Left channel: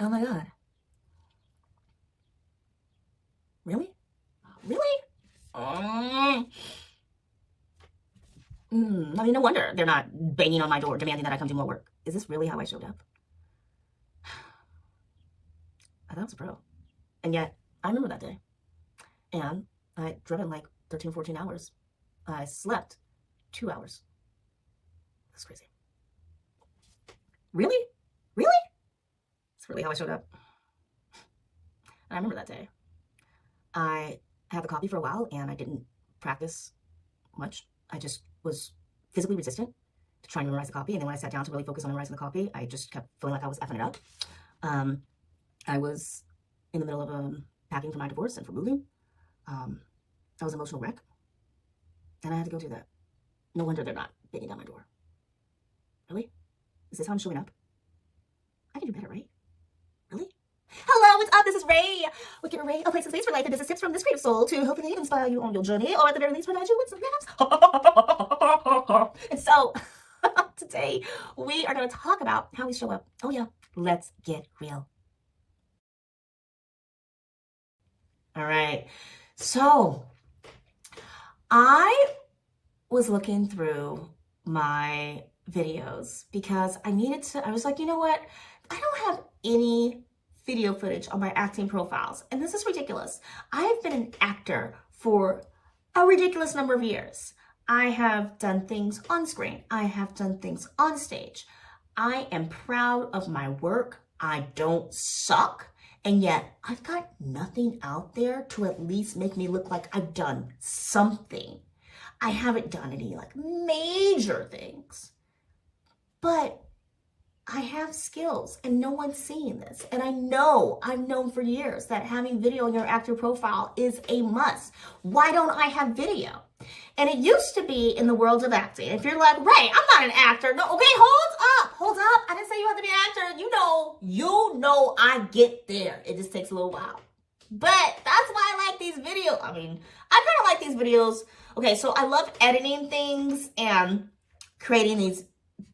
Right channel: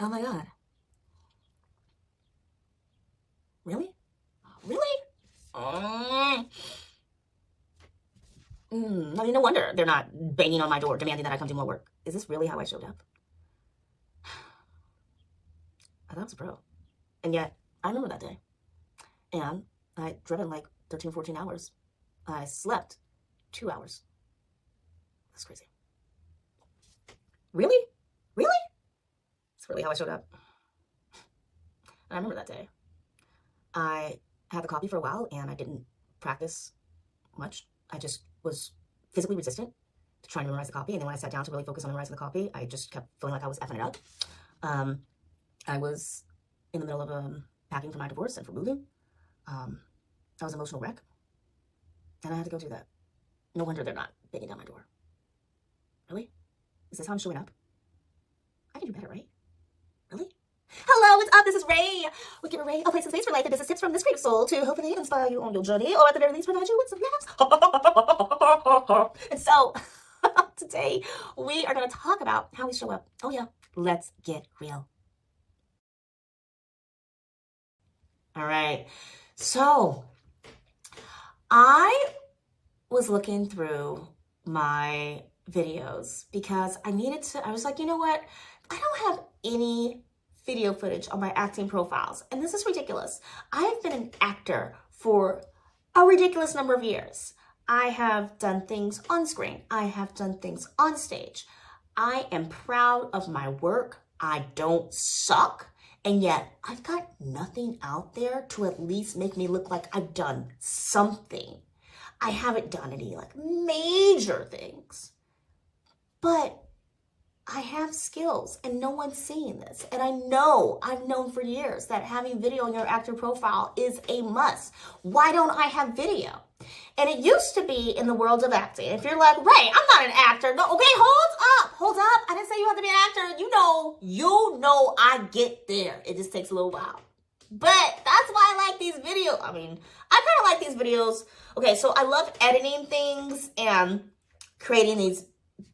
Oh my God. Really? Really? Mm. I mean, no wonder they're not banging on my door demanding that I come do more work. Is this really how I showed up? I thought I was a pro. And yet, I remember that day. And I drove in like 13, 14 hours. I slept 2 hours. That's crazy. Really? Really? It's really how I showed up. I remember that day. I had the copy for a while and I didn't practice much. I just was physically resistant to trying to memorize the copy. And then when I sat down to really focus on memorizing the copy, I just kept feeling like I was effing it up. I was in the middle of packing for my divorce and for moving. I was an emotional wreck. And I had to go through that. No wonder they're not banging down my door. Really? Is this how I'm showing up? I can do better, right? Really? Hello, what's up? This is Ray. We give Ray a place and space for life and business tips from this creative soul to hopefully inspire you on your journey, or at the very least provide you with some laughs. And so today we are going to talk about how we show up. Oh yeah, let's get real. All right. So I was looking through my videos because I was like, you know what? I don't have any video footage on my acting profiles. And this is ridiculous. I've been an actor for a ridiculous number of years. I have done things on screen. I have done things on stage. I am proud of my work. I don't suck. And yet I've got nothing out there to at least make me look like I've done something. I haven't done any like major things, but I have skills and no one's seeing this. And I've known for years that having video on your actor profile is a must. Why don't I have video? And it used to be in the world of acting. If you're like, Ray, I'm not an actor. No, okay, hold up. I didn't say you have to be an actor. You know I get there. It just takes a little while. But that's why I like these videos. I mean, I kind of like these videos. Okay, so I love editing things and creating these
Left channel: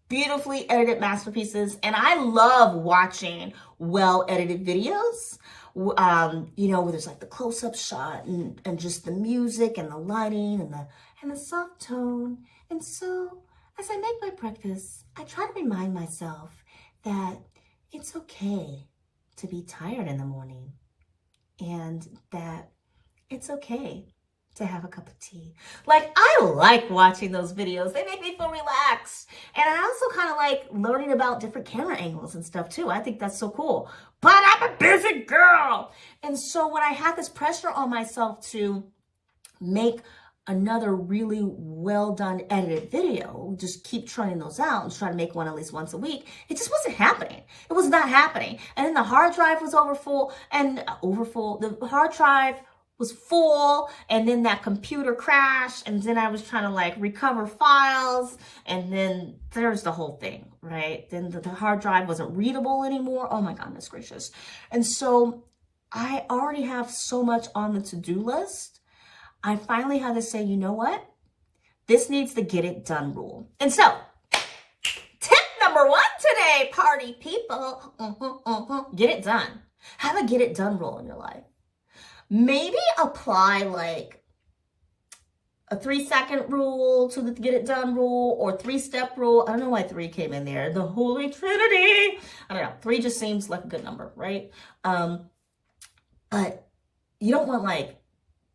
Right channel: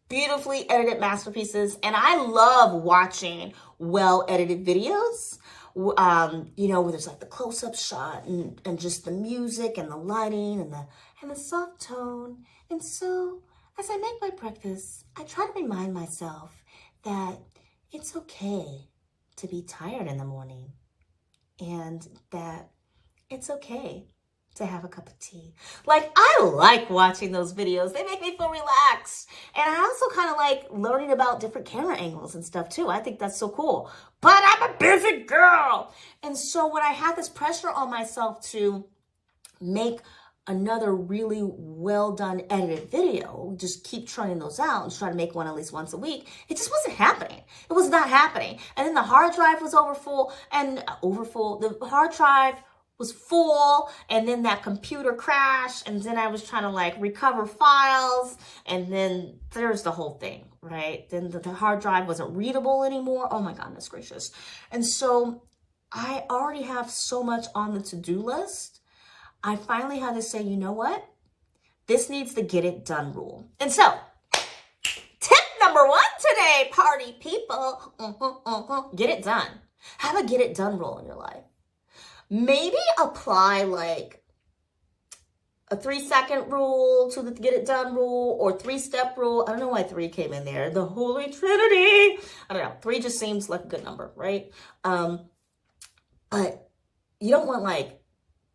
beautifully edited masterpieces. And I love watching well-edited videos, where there's like the close-up shot and just the music and the lighting and the soft tone. And so as I make my breakfast, I try to remind myself that it's okay to be tired in the morning and that it's okay to have a cup of tea. Like, I like watching those videos. They make me feel relaxed. And I also kind of like learning about different camera angles and stuff too. I think that's so cool. But I'm a busy girl. And so when I had this pressure on myself to make another really well done edited video, just keep trying those out and try to make one at least once a week, it just wasn't happening. It was not happening. And then the hard drive was overfull. The hard drive was full, and then that computer crashed, and then I was trying to like recover files, and then there's the whole thing, right? Then the hard drive wasn't readable anymore. Oh my goodness gracious. And so I already have so much on the to-do list. I finally had to say, you know what? This needs the get it done rule. And so tip number 1 today, party people, get it done. Have a get it done rule in your life. Maybe apply like a 3-second rule to the get it done rule, or 3-step rule. I don't know why 3 came in there. The Holy Trinity. I don't know. 3 just seems like a good number, right? But you don't want like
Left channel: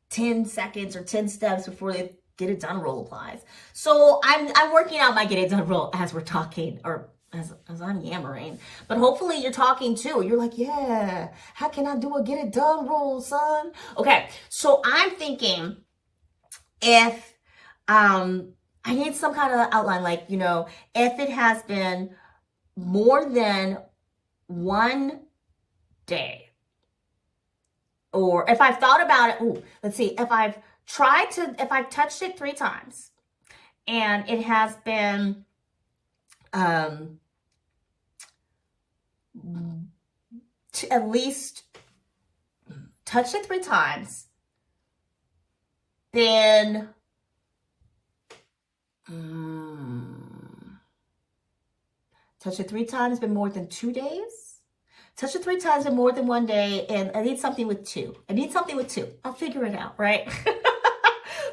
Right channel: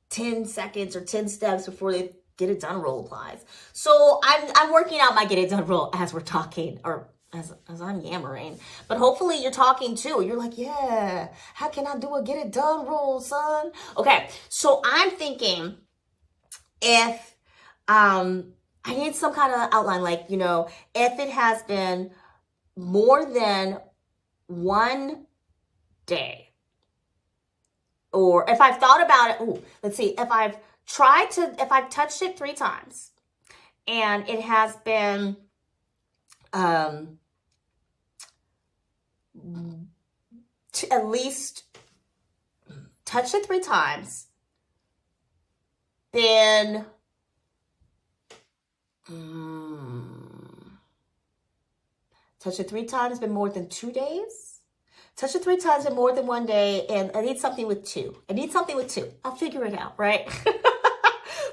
10 seconds or 10 steps before the get it done rule applies. So I'm working out my get it done rule as we're talking, or as I'm yammering, but hopefully you're talking too. You're like, yeah, how can I do a get it done rule, son? Okay, so I'm thinking if I need some kind of outline, like, if it has been more than one day, or if I've thought about it, let's see, if I've touched it 3 times and it has been to at least touch it 3 times, then touch it 3 times, been more than 2 days. touch it 3 times in more than one day, and I need something with 2. I need something with 2. I'll figure it out, right?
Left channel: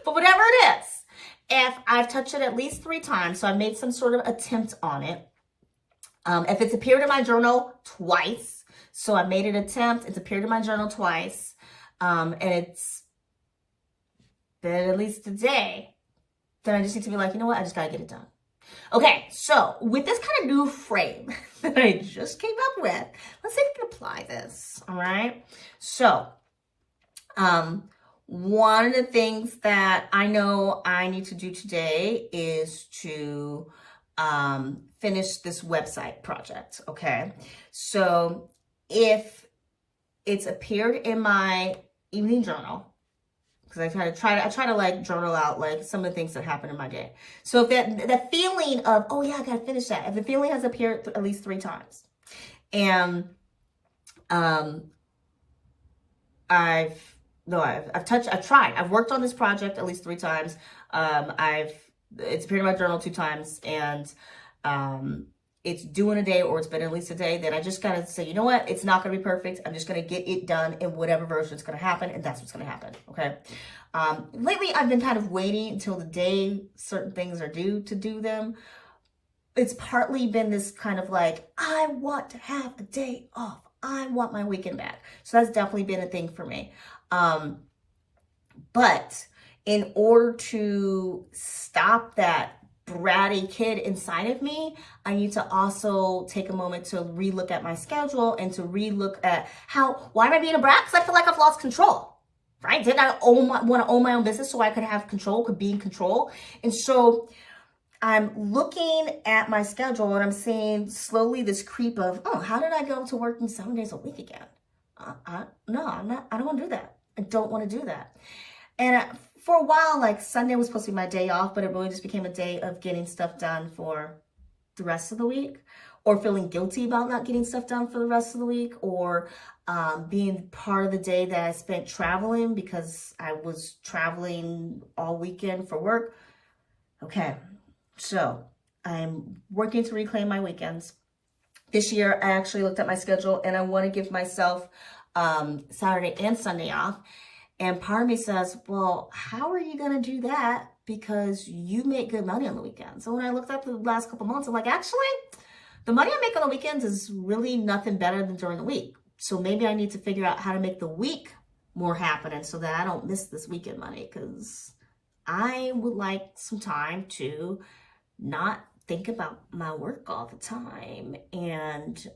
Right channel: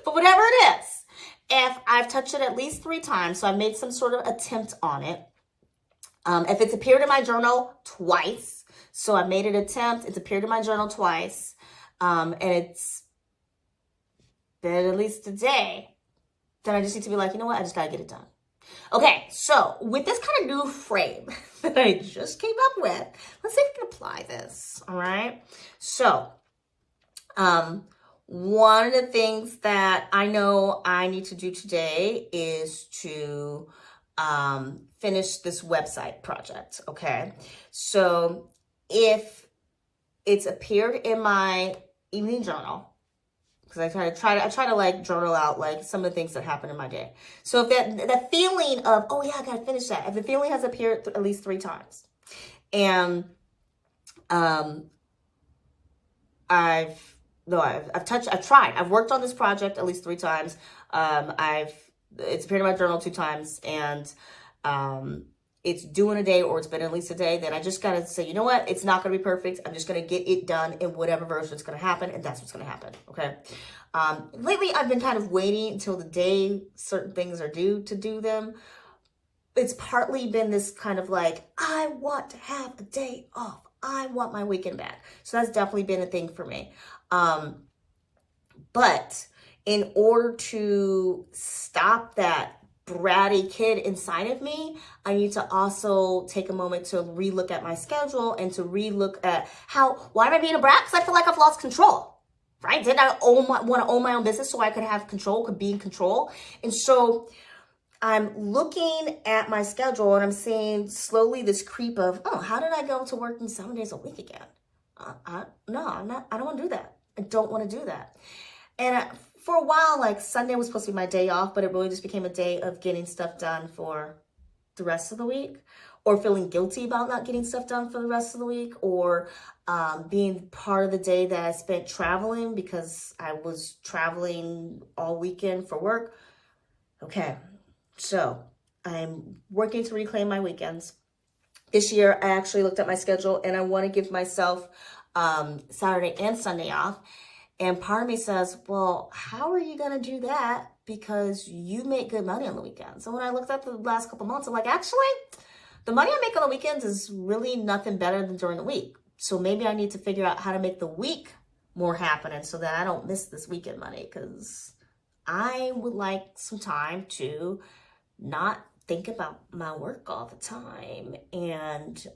But whatever it is, if I've touched it at least 3 times, so I made some sort of attempt on it. If it's appeared in my journal twice, so I made an attempt, it's appeared in my journal twice, and it's been at least a day, then I just need to be like, you know what, I just gotta get it done. Okay, so with this kind of new frame that I just came up with, let's see if we can apply this, all right? So, one of the things that I know I need to do today is to finish this website project, okay? So if it's appeared in my evening journal, because I try to like journal out like some of the things that happen in my day. So if that feeling of, oh yeah, I gotta finish that, if the feeling has appeared at least 3 times, and I've tried. I've worked on this project at least 3 times. It's appeared in my journal 2 times, and it's due in a day, or it's been at least a day. Then I just gotta say, you know what? It's not gonna be perfect. I'm just gonna get it done in whatever version it's gonna happen, and that's what's gonna happen. Okay. Lately, I've been kind of waiting until the day certain things are due to do them. It's partly been this kind of like, I want to have a day off. I want my weekend back. So that's definitely been a thing for me. But in order to stop that bratty kid inside of me, I need to also take a moment to relook at my schedule and to relook at why am I being a brat? Because I feel like I've lost control, right? Didn't I want to own my own business so I could have control, could be in control? And so I'm looking at my schedule and I'm seeing slowly this creep of, oh, how did I go to working 7 days a week again? No, I don't want to do that. I don't want to do that. And for a while, like Sunday was supposed to be my day off, but it really just became a day of getting stuff done for the rest of the week, or feeling guilty about not getting stuff done for the rest of the week, or being part of the day that I spent traveling because I was traveling all weekend for work. Okay, so I'm working to reclaim my weekends. This year, I actually looked at my schedule and I want to give myself Saturday and Sunday off. And part of me says, well, how are you going to do that? Because you make good money on the weekends. So when I looked at the last couple months, I'm like, actually, the money I make on the weekends is really nothing better than during the week. So maybe I need to figure out how to make the week more happening so that I don't miss this weekend money. Because I would like some time to not think about my work all the time, and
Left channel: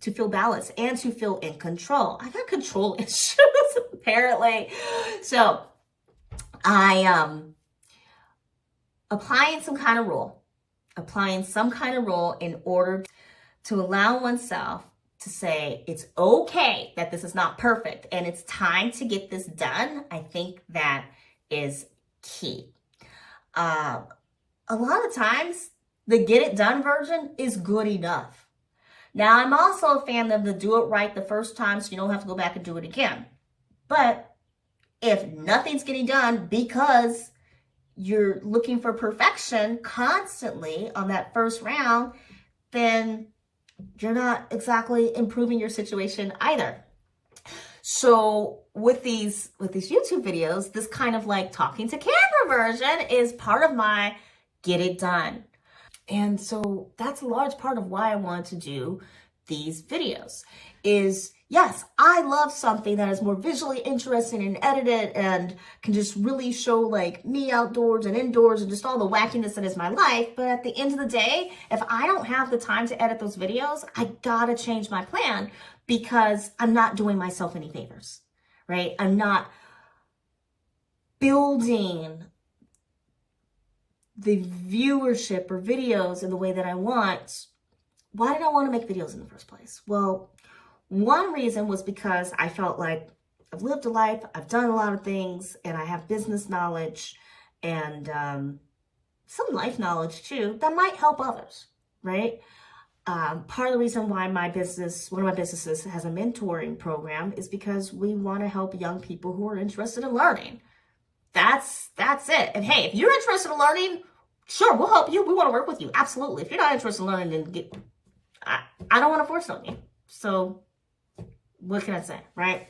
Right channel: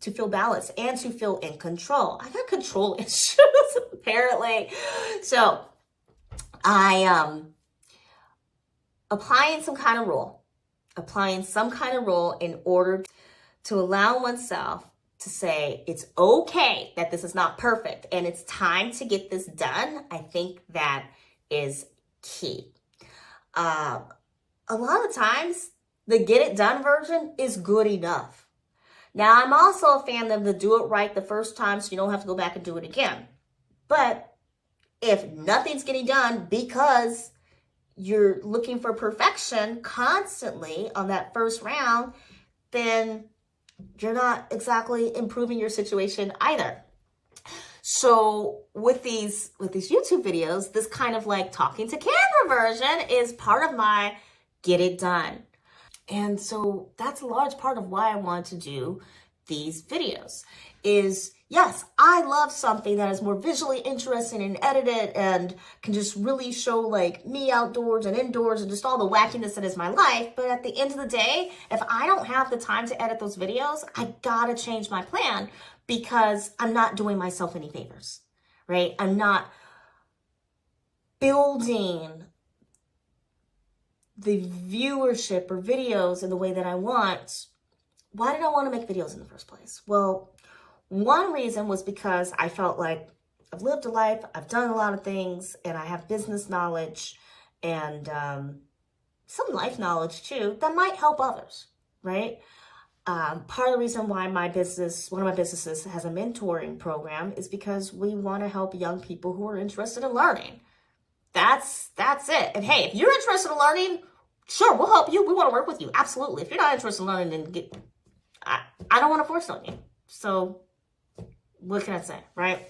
to feel balanced and to feel in control. I got control issues apparently. So I applying some kind of rule in order to allow oneself to say it's okay that this is not perfect and it's time to get this done. I think that is key. A lot of times the get it done version is good enough. Now, I'm also a fan of the do it right the first time so you don't have to go back and do it again. But if nothing's getting done because you're looking for perfection constantly on that first round, then you're not exactly improving your situation either. So with these YouTube videos, this kind of like talking to camera version is part of my get it done. And so that's a large part of why I wanted to do these videos is, yes, I love something that is more visually interesting and edited and can just really show like me outdoors and indoors and just all the wackiness that is my life. But at the end of the day, if I don't have the time to edit those videos, I gotta change my plan because I'm not doing myself any favors, right? I'm not building the viewership or videos in the way that I want. Why did I want to make videos in the first place? Well, one reason was because I felt like I've lived a life, I've done a lot of things, and I have business knowledge and some life knowledge too that might help others, right? Part of the reason why one of my businesses has a mentoring program is because we want to help young people who are interested in learning. That's it. And hey, if you're interested in learning, sure, we'll help you. We want to work with you. Absolutely. If you're not interested in learning, then I don't want to force on you. So What can I say, right?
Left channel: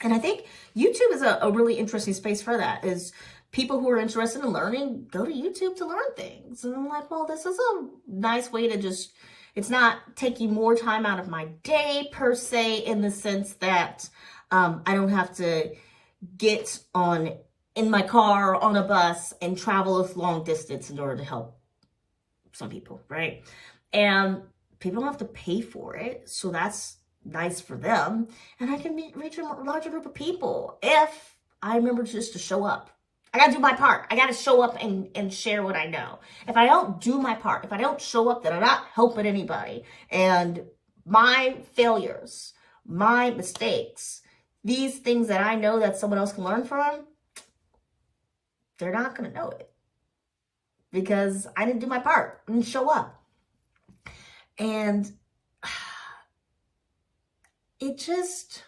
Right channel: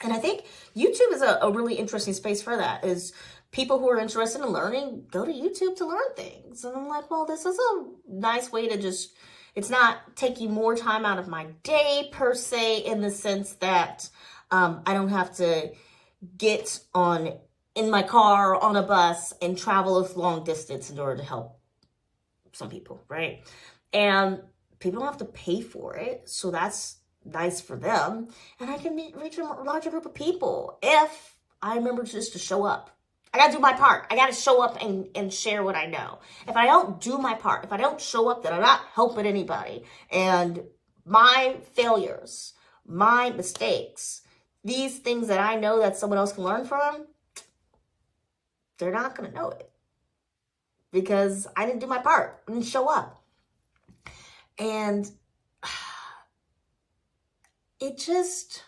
And I think YouTube is a really interesting space for that, is people who are interested in learning go to YouTube to learn things. And I'm like, well, this is a nice way to just, it's not taking more time out of my day per se, in the sense that I don't have to get in my car or on a bus and travel a long distance in order to help some people, right? And people don't have to pay for it. So that's nice for them. And I can reach a larger group of people if I remember just to show up. I got to do my part. I got to show up and share what I know. If I don't do my part, if I don't show up, then I'm not helping anybody. And my failures, my mistakes, these things that I know that someone else can learn from, they're not going to know it because I didn't do my part. I didn't show up. And it just,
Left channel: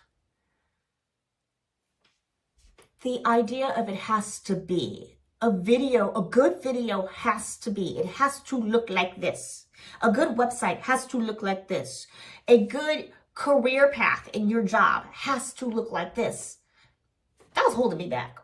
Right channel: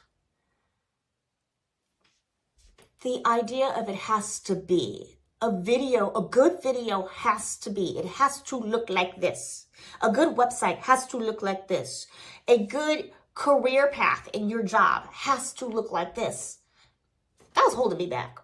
the idea of it has to be a video, a good video has to be, it has to look like this. A good website has to look like this. A good career path in your job has to look like this. That was holding me back,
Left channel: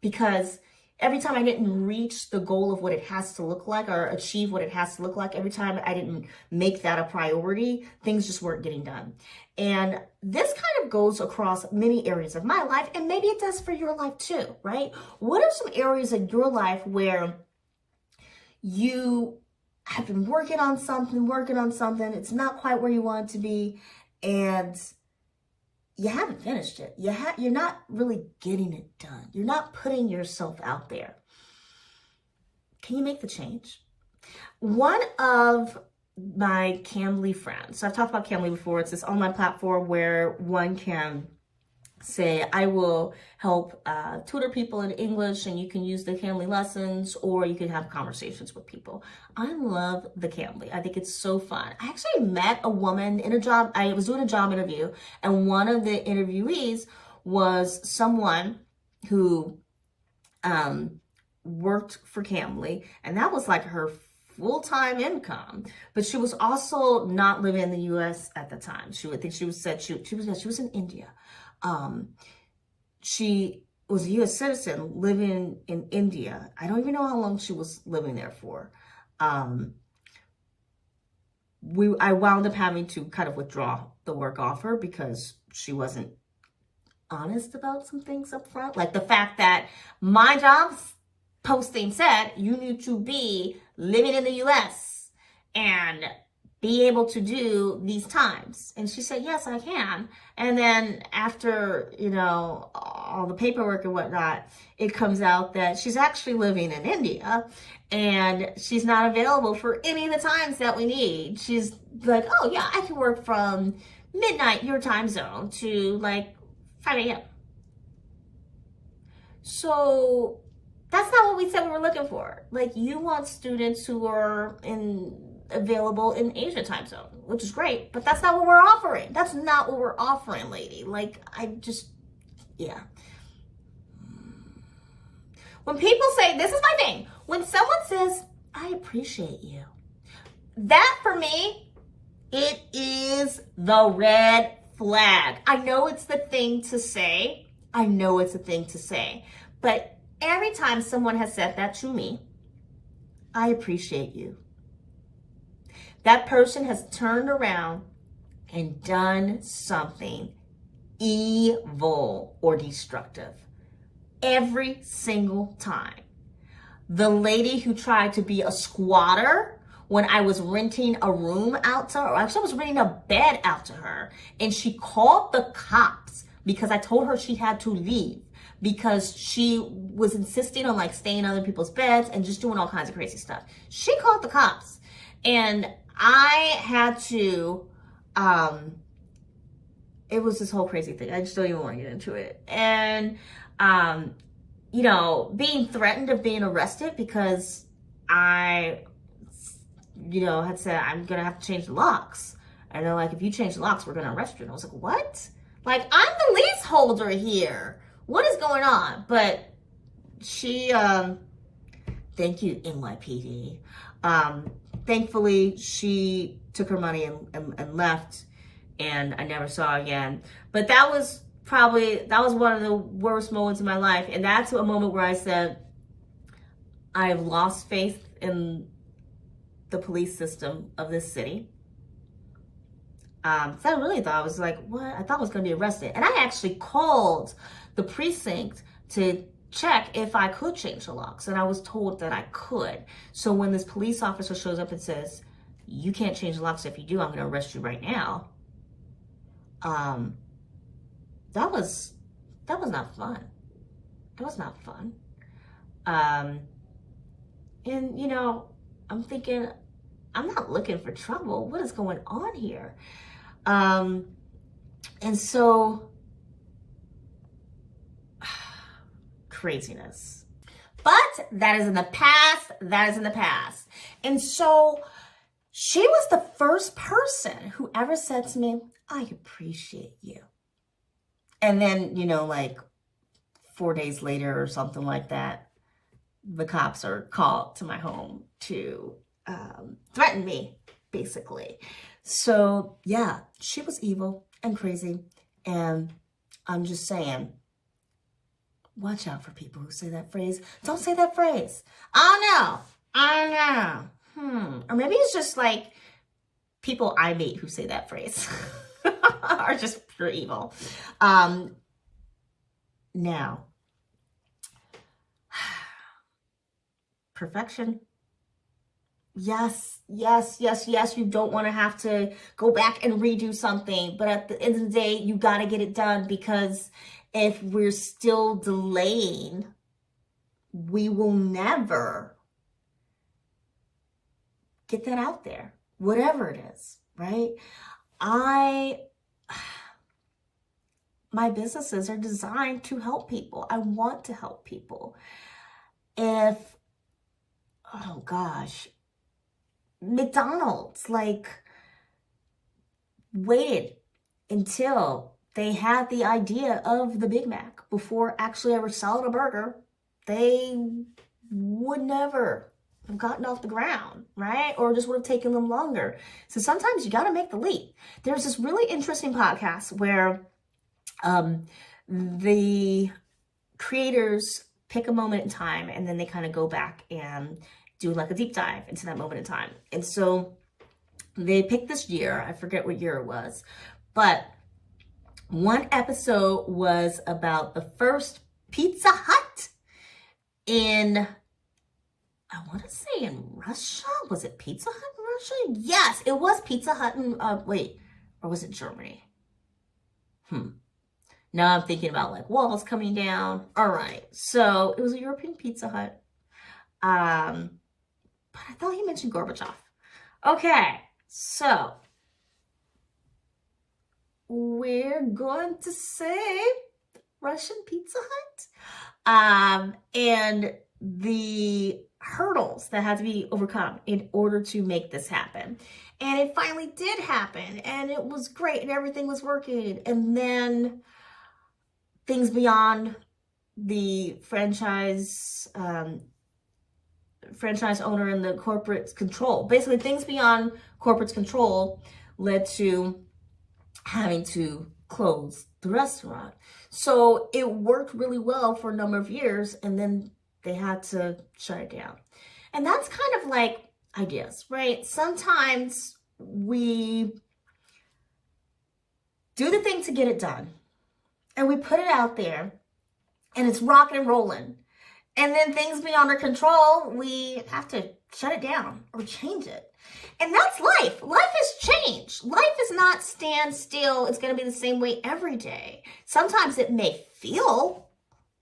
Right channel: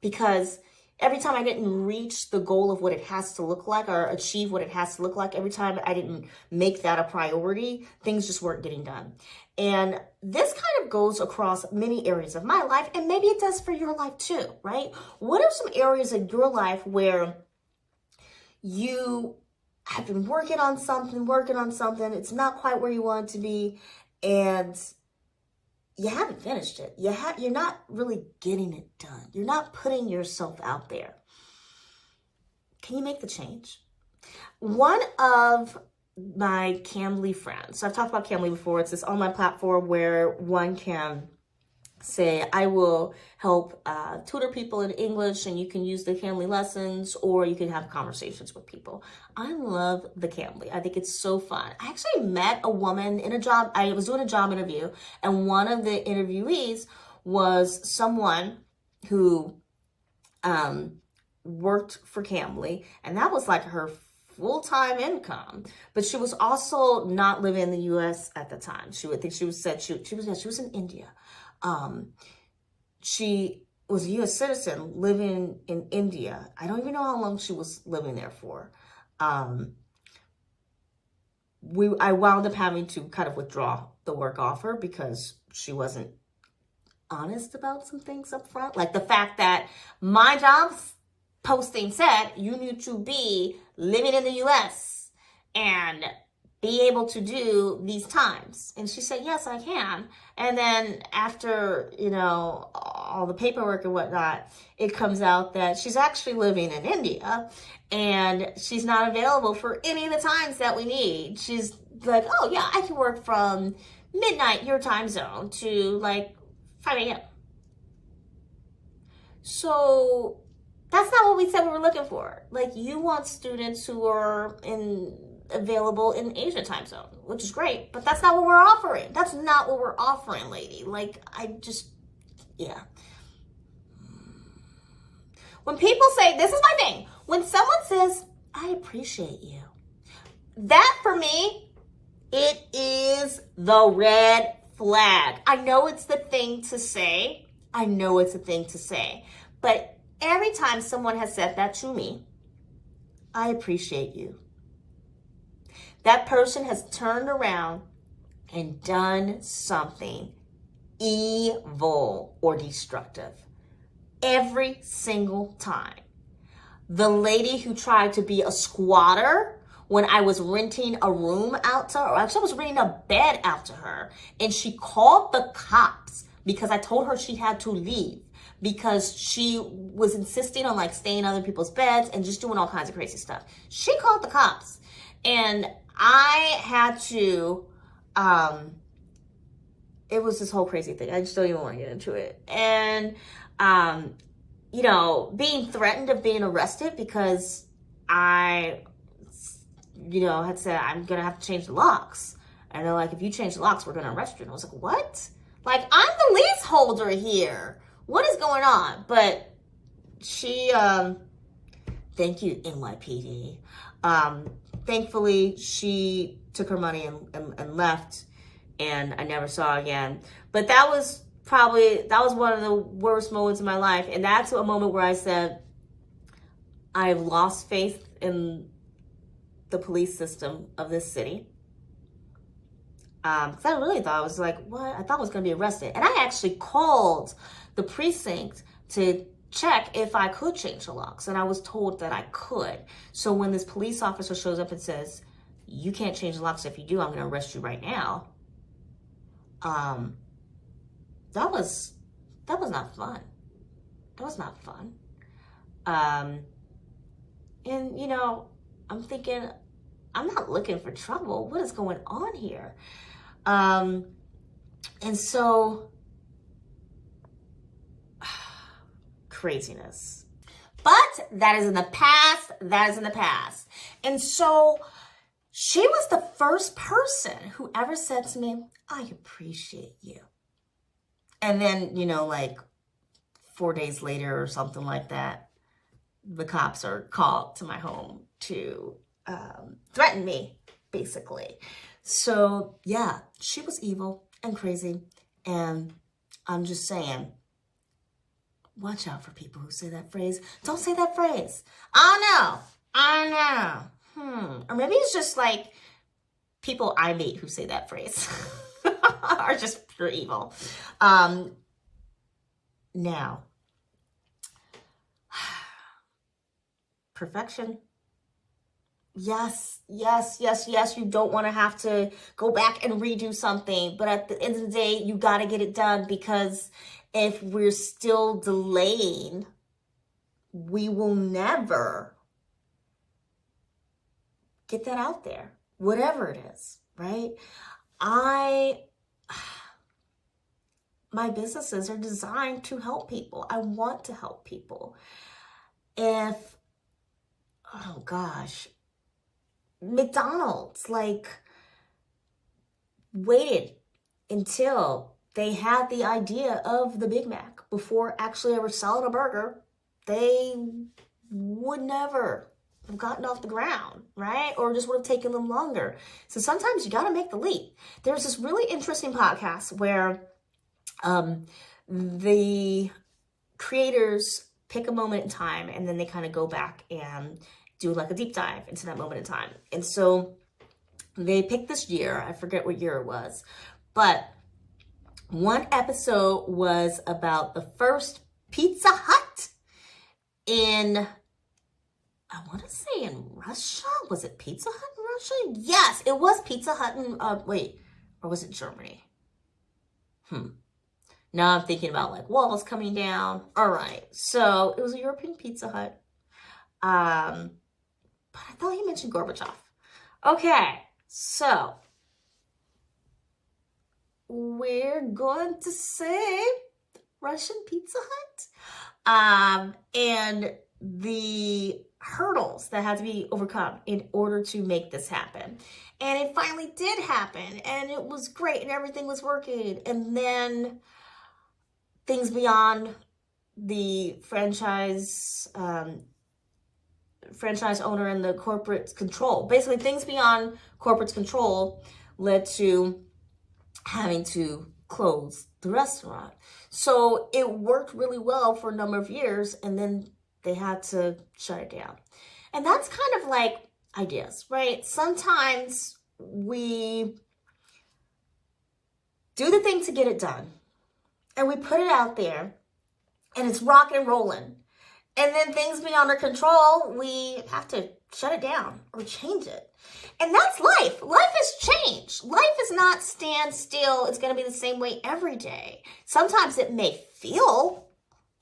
because every time I didn't reach the goal of what it has to look like, or achieve what it has to look like, every time I didn't make that a priority, things just weren't getting done. And this kind of goes across many areas of my life, and maybe it does for your life too, right? What are some areas in your life where you have been working on something, it's not quite where you want it to be, and you haven't finished it. You're not really getting it done. You're not putting yourself out there. Can you make the change? One of my Cambly friends, so I've talked about Cambly before, it's this online platform where one can say, I will help tutor people in English, and you can use the Cambly lessons, or you can have conversations with people. I love the Cambly. I think it's so fun. I actually met a woman in a job. I was doing a job interview, and one of the interviewees was someone who worked for Cambly, and that was like her full-time income. But she was also not living in the U.S. at the time. She was in India. She was a U.S. citizen living in India. I don't even know how long she was living there for. I wound up having to kind of withdraw the work offer because she wasn't honest about some things up front. Like the fact that my job posting said you need to be living in the U.S. and be able to do these times. And she said, yes, I can. And then after, all the paperwork and whatnot, it comes out that she's actually living in India and she's not available for any of the times that we need. She's like, oh yeah, I can work from midnight, your time zone, to like 5 a.m. So that's not what we said we were looking for. Like, you want students who are available in Asia time zone, which is great, but that's not what we're offering. That's not what we're offering, lady. Like, yeah. When people say, this is my thing, when someone says, I appreciate you, that for me, it is the red flag. I know it's the thing to say. But every time someone has said that to me, I appreciate you, that person has turned around and done something evil or destructive. Every single time. The lady who tried to be a squatter when I was renting a room out to her, or actually I was renting a bed out to her, and she called the cops because I told her she had to leave because she was insisting on like staying in other people's beds and just doing all kinds of crazy stuff. She called the cops, and I had to, it was this whole crazy thing. I just don't even want to get into it. And, being threatened of being arrested because I, had said, I'm going to have to change the locks. And they're like, if you change the locks, we're going to arrest you. And I was like, what? Like, I'm the leaseholder here. What is going on? But she, thank you, NYPD. Thankfully, she took her money and left. and I never saw her again. But that was one of the worst moments in my life. And that's a moment where I said, I've lost faith in the police system of this city. Because I really thought, I was like, what? I thought I was going to be arrested. And I actually called the precinct to check if I could change the locks. And I was told that I could. So when this police officer shows up and says, you can't change the locks. If you do, I'm going to arrest you right now. That was not fun. That was not fun. And, you know, I'm thinking, I'm not looking for trouble. What is going on here? And so, craziness. But that is in the past. That is in the past. And so, she was the first person who ever said to me, I appreciate you. And then, you know, like 4 days later or something like that, the cops are called to my home to threaten me, basically. So, yeah, she was evil and crazy. And I'm just saying, watch out for people who say that phrase. Don't say that phrase. I know. Or maybe it's just like people I meet who say that phrase are just pure evil. Now, perfection. Yes. You don't want to have to go back and redo something. But at the end of the day, you got to get it done, because if we're still delaying, we will never get that out there, whatever it is, right? My businesses are designed to help people. I want to help people. Oh gosh, McDonald's waited until they had the idea of the Big Mac before actually ever selling a burger. They would never have gotten off the ground, right? Or just would have taken them longer. So sometimes you got to make the leap. There's this really interesting podcast where the creators pick a moment in time, and then they kind of go back and do like a deep dive into that moment in time. And so they picked this year. I forget what year it was, but one episode was about the first Pizza Hut in, I want to say in Russia. Was it Pizza Hut in Russia? Yes, it was Pizza Hut in, or was it Germany? Now I'm thinking about like walls coming down. All right, so it was a European Pizza Hut. But I thought he mentioned Gorbachev. Okay, so we're going to say Russian Pizza Hut. And the hurdles that had to be overcome in order to make this happen. And it finally did happen, and it was great, and everything was working. And then things beyond the franchise owner and the corporate control. Basically, things beyond corporate control led to having to close the restaurant. So it worked really well for a number of years, and then they had to shut it down. And that's kind of like ideas, right? Sometimes we do the thing to get it done, and we put it out there, and it's rocking and rolling. And then things beyond our control, we have to shut it down or change it. And that's life. Life has changed. Life is not stand still. It's going to be the same way every day. Sometimes it may feel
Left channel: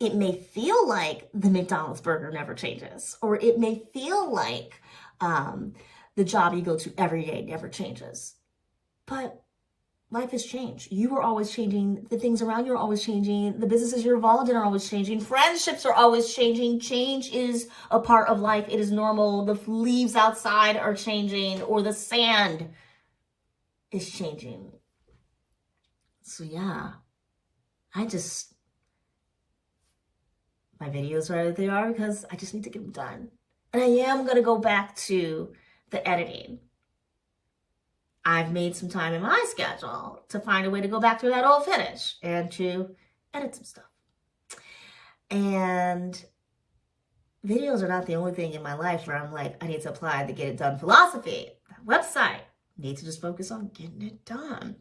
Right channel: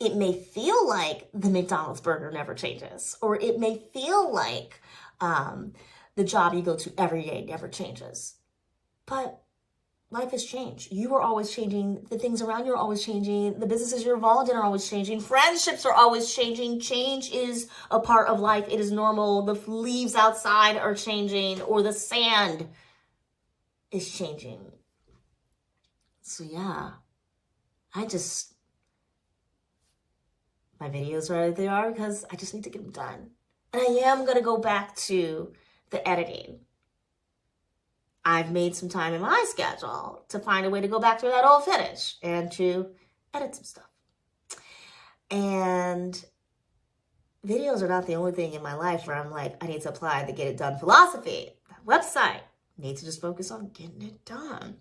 like the McDonald's burger never changes. Or it may feel like the job you go to every day never changes. But life has changed. You are always changing. The things around you are always changing. The businesses you're involved in are always changing. Friendships are always changing. Change is a part of life. It is normal. The leaves outside are changing, or the sand is changing. So yeah, my videos are they are because I just need to get them done. And I am going to go back to the editing. I've made some time in my schedule to find a way to go back to that old footage and to edit some stuff. And videos are not the only thing in my life where I'm like, I need to apply the get it done philosophy. That website, need to just focus on getting it done.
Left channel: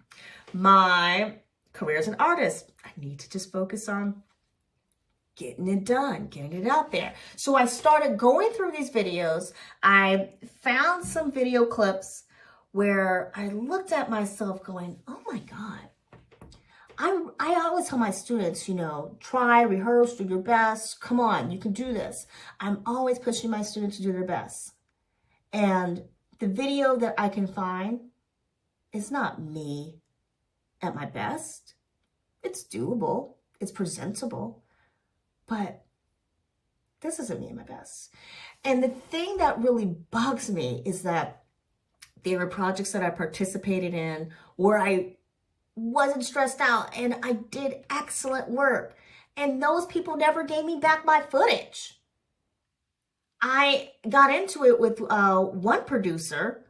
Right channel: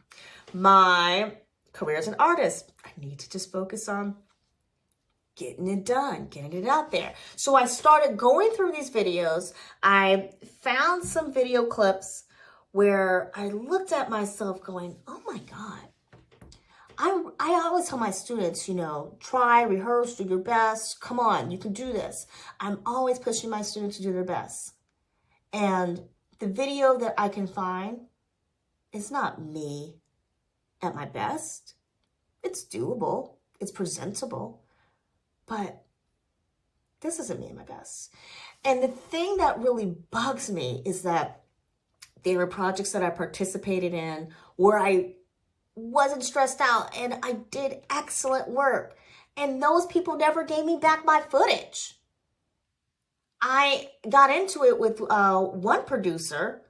My career as an artist, I need to just focus on getting it done, getting it out there. So I started going through these videos. I found some video clips where I looked at myself going, oh my God. I always tell my students, you know, try, rehearse, do your best. Come on, you can do this. I'm always pushing my students to do their best. And the video that I can find is not me at my best. It's doable. It's presentable. But this isn't me at my best. And the thing that really bugs me is that there were projects that I participated in where I wasn't stressed out and I did excellent work. And those people never gave me back my footage. I got into it with one producer,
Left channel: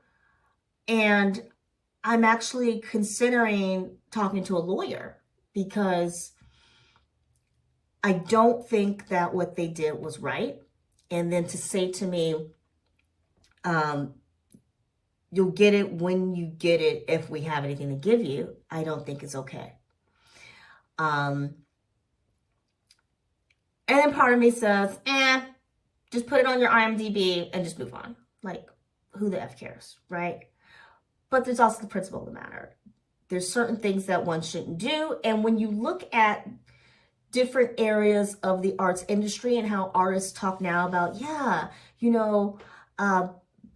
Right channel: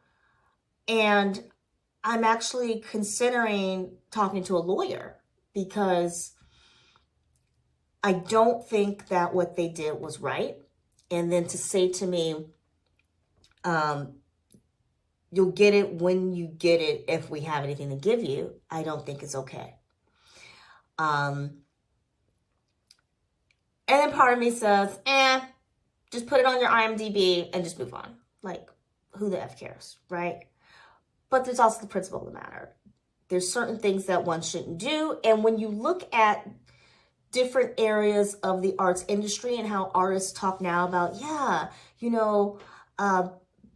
and I'm actually considering talking to a lawyer because I don't think that what they did was right. And then to say to me, you'll get it when you get it if we have anything to give you, I don't think is okay. And then part of me says, just put it on your IMDb and just move on. Like, who the F cares, right? But there's also the principle of the matter. There's certain things that one shouldn't do. And when you look at different areas of the arts industry and how artists talk now about,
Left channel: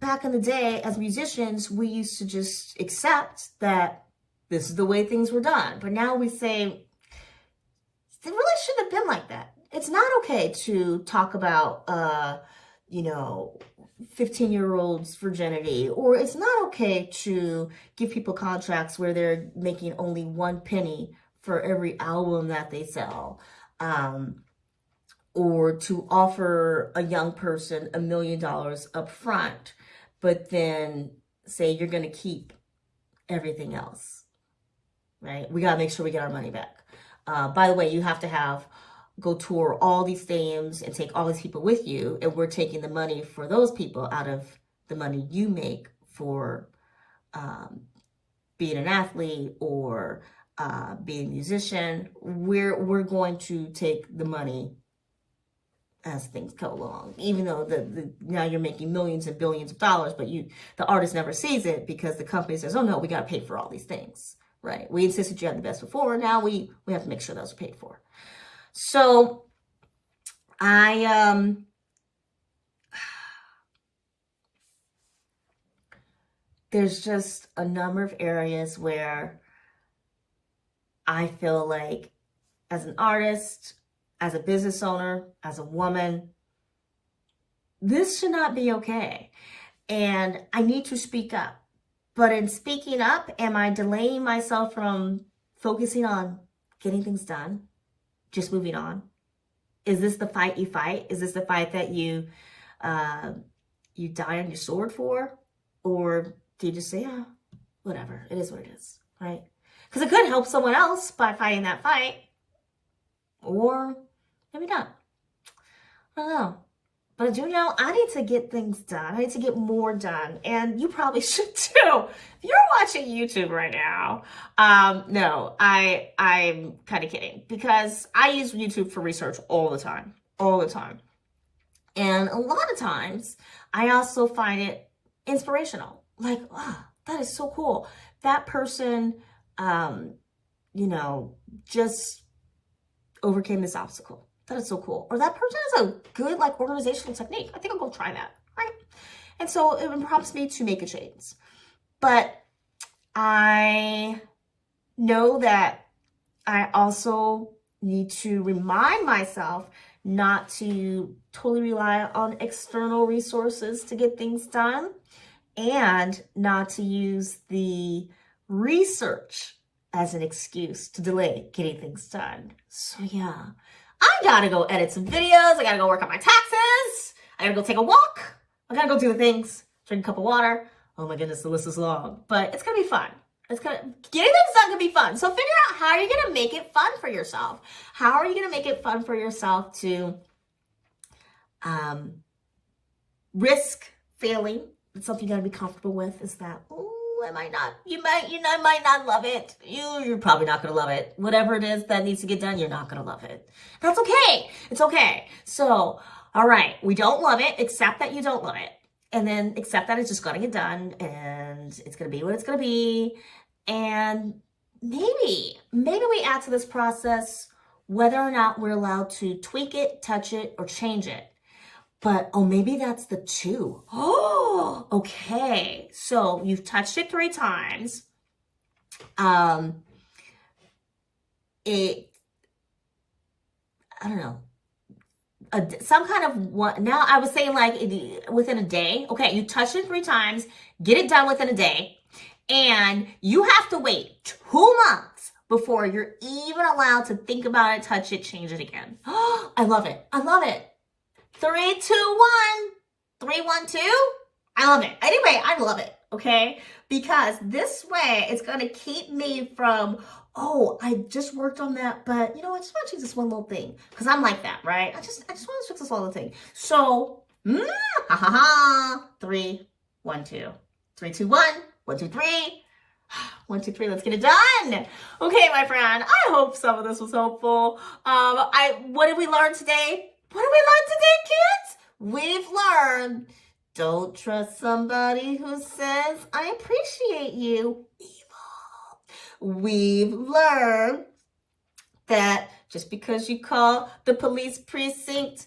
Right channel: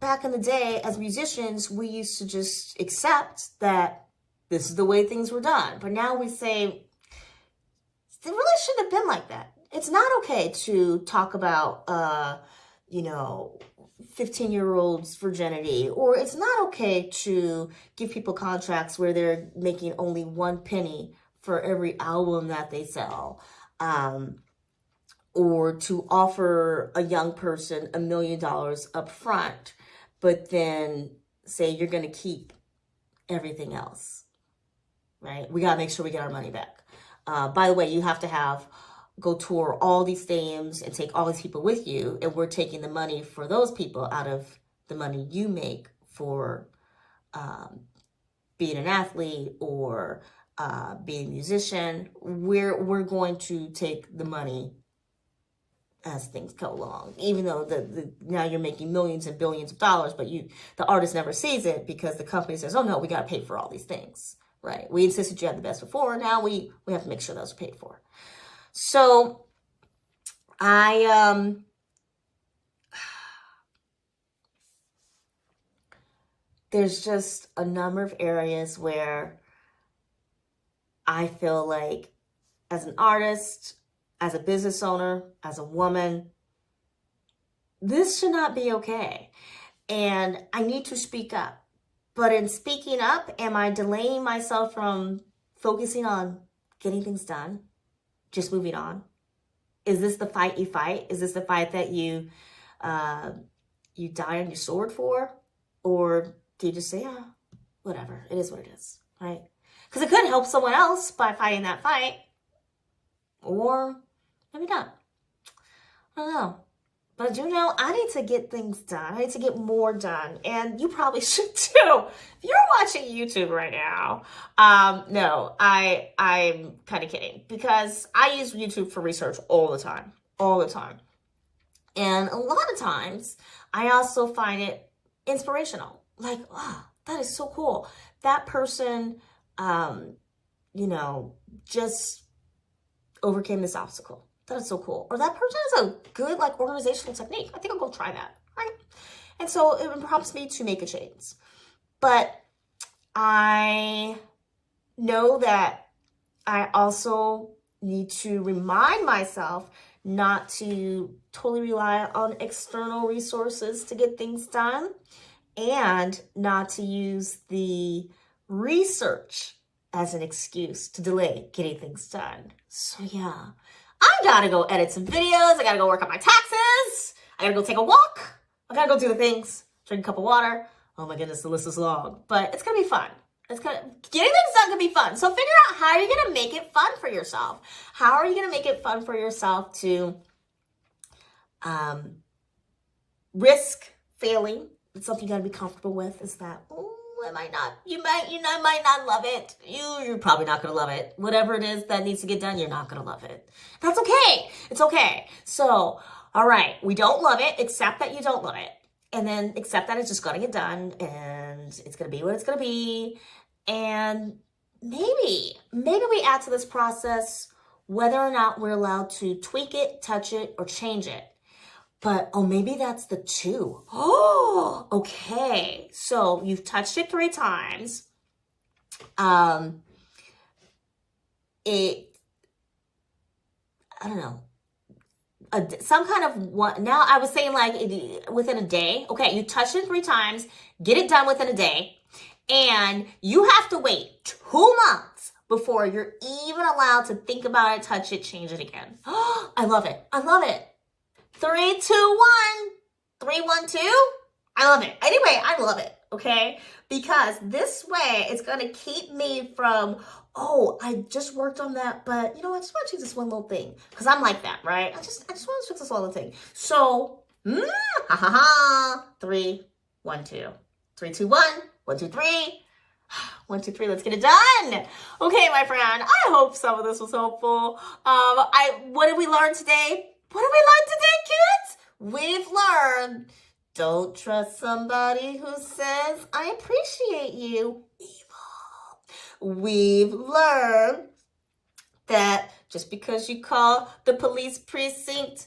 back in the day as musicians, we used to just accept that this is the way things were done. But now we say, it really shouldn't have been like that. It's not okay to talk about, 15-year-olds' virginity, or it's not okay to give people contracts where they're making only 1 penny for every album that they sell, or to offer a young person $1 million up front, but then say you're going to keep everything else, right? We got to make sure we get our money back. By the way, you have to go tour all these stadiums and take all these people with you, and we're taking the money for those people out of the money you make for being an athlete or being a musician. We're going to take the money as things go along, even though now you're making millions and billions of dollars, but the artist never sees it because the company says, oh no, we got to pay for all these things, right? We insisted you had the best before. Now we have to make sure those are paid for. So there's just a number of areas where I feel like as an artist, as a business owner, as a woman, this should not be okay. And I need to speak up. But in speaking up, am I delaying myself from focusing on getting things done? Just moving on? Is this the fight you fight? Is this the fight that you die on your sword for? Or do you just say, whatever, it is what it is, right? Because it could help someone else by fighting that fight. Or maybe not. I don't know. But I do know I need to get things done. I need to get more done. And you probably should too. If you're watching YouTube right now, no, I'm kind of kidding. Because I use YouTube for research all the time. All the time. And a lot of times, I also find it inspirational. Like, wow, that is so cool. That person, just overcame this obstacle. That is so cool. Or that person has a good organizational technique. I think I'll go try that, right? And so it prompts me to make a change. But I know that I also need to remind myself not to totally rely on external resources to get things done, and not to use the research as an excuse to delay getting things done. So yeah, I gotta go edit some videos. I gotta go work on my taxes. I gotta go take a walk. I gotta go do the things, drink a cup of water. Oh my goodness, the list is long, but it's gonna be fun. Getting them done gonna be fun. So figure out how you're gonna make it fun for yourself. How are you gonna make it fun for yourself to risk failing? It's something you gotta be comfortable with. Is that, oh, you might not love it. You're probably not gonna love it. Whatever it is that needs to get done, you're not gonna love it. That's okay. It's okay. So, all right, we don't love it. Accept that you don't love it. And then accept that it's just gonna get done and it's gonna be what it's gonna be. And maybe we add to this process whether or not we're allowed to tweak it, touch it, or change it. But, oh, maybe that's the 2. Oh, okay. So you've touched it 3 times. I don't know. Some kind of one. Now I was saying like within a day. Okay, you touched it 3 times. Get it done within a day. And you have to wait 2 months before you're even allowed to think about it, touch it, change it again. I love it. I love it. 3, 2, 1. 3, 1, 2. I love it. Anyway, I love it. Okay? Because this way it's going to keep me from, oh, I just worked on that, but you know, I just want to change this one little thing. Because I'm like that, right? I just want to fix this one little thing. So, 3, 1, 2. 3, 2, 1. 1, 2, 3. 1, 2, 3. Let's get it done. Okay, my friend. I hope some of this was helpful. What did we learn today? What did we learn today, kids? We've learned, don't trust somebody who says, I appreciate you. Evil. We've learned that just because you call the police precinct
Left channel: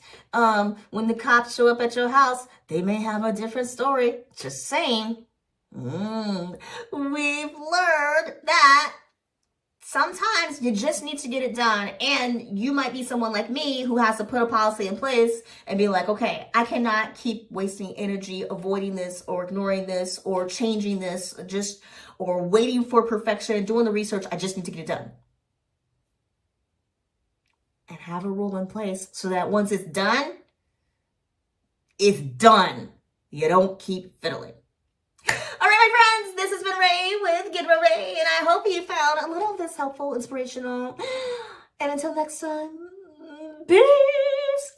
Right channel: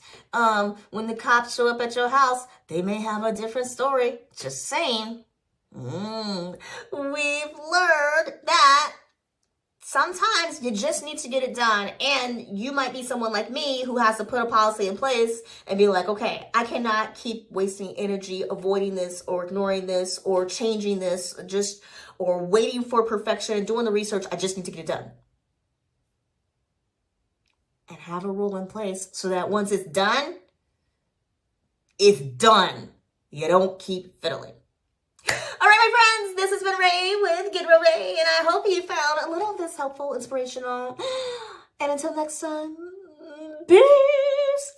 when the cops show up at your house, they may have a different story. Just saying. We've learned that sometimes you just need to get it done. And you might be someone like me who has to put a policy in place and be like, okay, I cannot keep wasting energy avoiding this or ignoring this or changing this or waiting for perfection, doing the research. I just need to get it done. And have a rule in place so that once it's done, it's done. You don't keep fiddling. All right, my friends, this has been Ray with Get Real Ray, and I hope you found a little of this helpful, inspirational. And until next time, peace.